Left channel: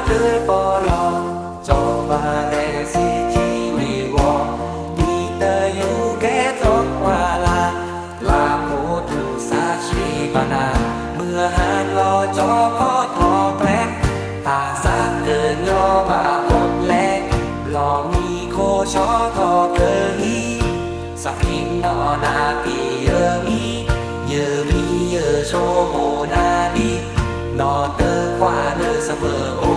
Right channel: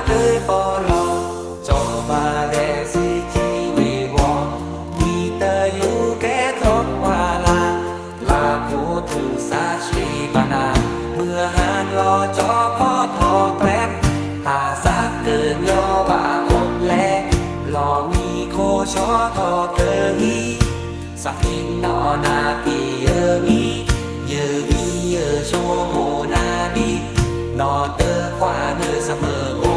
là cười bỏ lò cho bà lệ si chi vì wo đi tờ yu kẻ thốt hoa la là phụ thủ sa chi bà na mưa hàn lo cho พ่อทอแกลกตาสักเกินย่อบาอดแลหล่อมีโคชอทอเกอฮีสักพินนอนาปีเยอมีเยอมีเยอโชโมนาดีนอเตอร์ควาเนอเสมออกจอ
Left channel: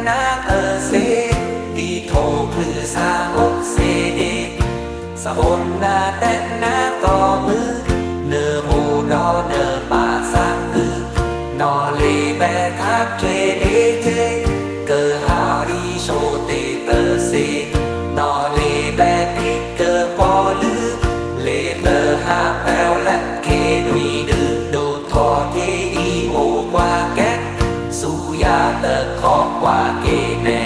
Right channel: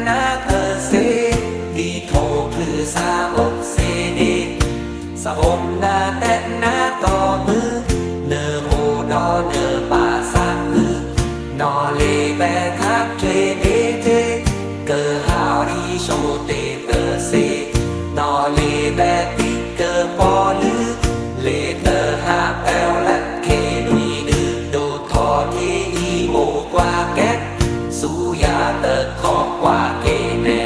แต่นาเธอเซดีโทคลือซาอกเซเดสะบนนาแต่นาต่อมือเนอโมดอเนอป่าสักอือ ยาเตอร์ขอกว่าเกแน่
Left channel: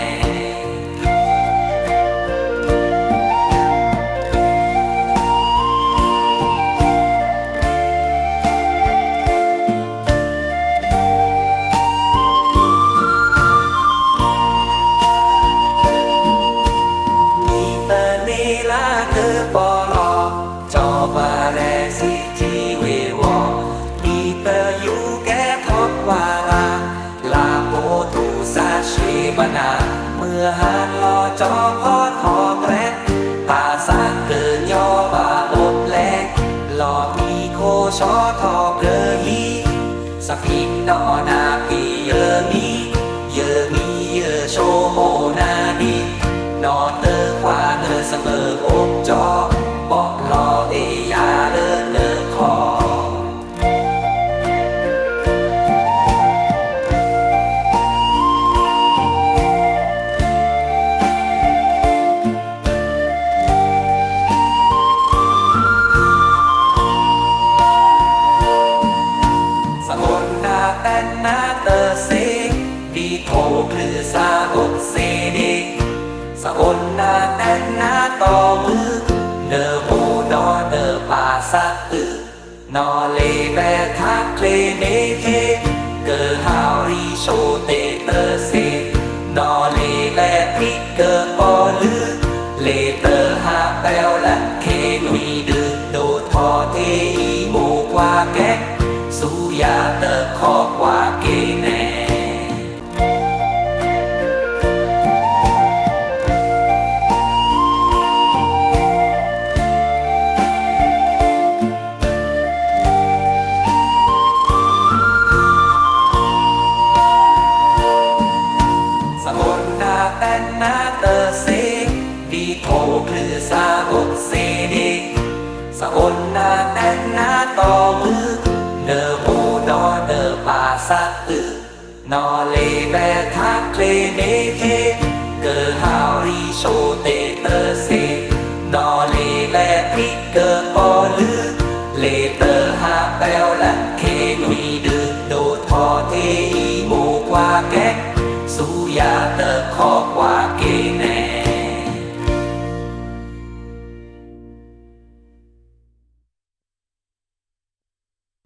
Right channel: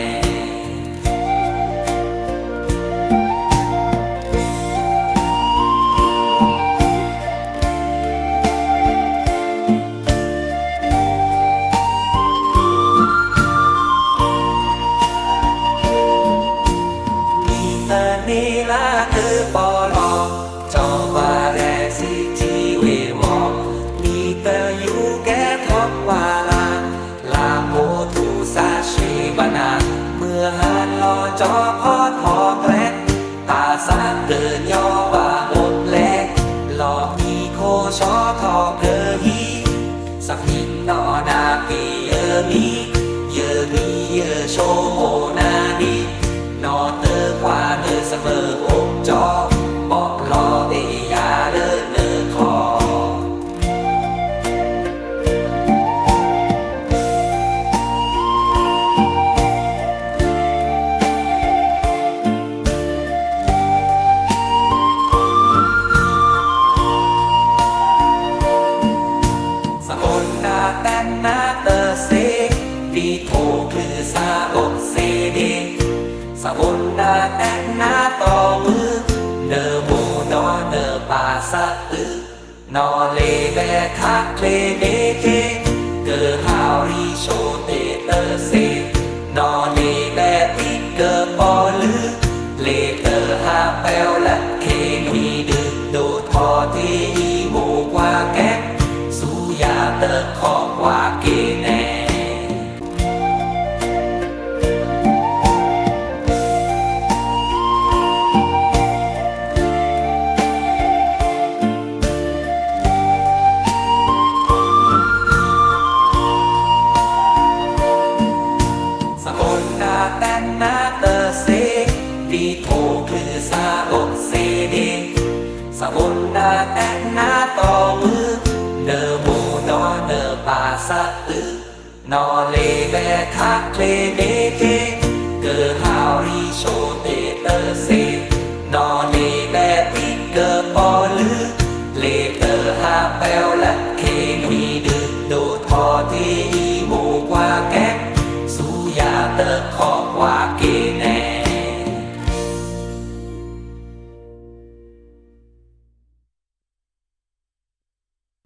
มีเตอร์นีลาคื ทูซาชีบานา เมื่อหานลอจอพอทอแกรกตาสาเกินยอบาอดแลกหลอกมีโคชอทอเกอฮีสักพิมนอนาปีเยอมีเยอมีเยอโชโมนาดีนอเตอร์ควาเนอเสมออกจอบอกรอเอยาเดินเน นาแต่นนาเตอร์เซดีโทคลือซาอกเซเดสะบนนาแต่นนาต่อมือเนอโมดอเนอป่าสะอือนอเลแบทักเคลเดเทเกอฮาวรีโชเตเตอร์เซนอเลแบพิกเกอปอลือเลเตอร์ฮาแปลและเคลุยดือโดทอเทอีโมกว่าแก๊กสุ ยาเตอร์ขอบว่าเกแน่สะบนนาแต่นนาเตอร์เซดีโทคลือซาอกเซเดสะบนนาแต่นนาต่อมือ ป่าสะอือนอเลแบทักเคลเดเทเกอฮาวรีโชเตเตอร์เซนอเลแบพิ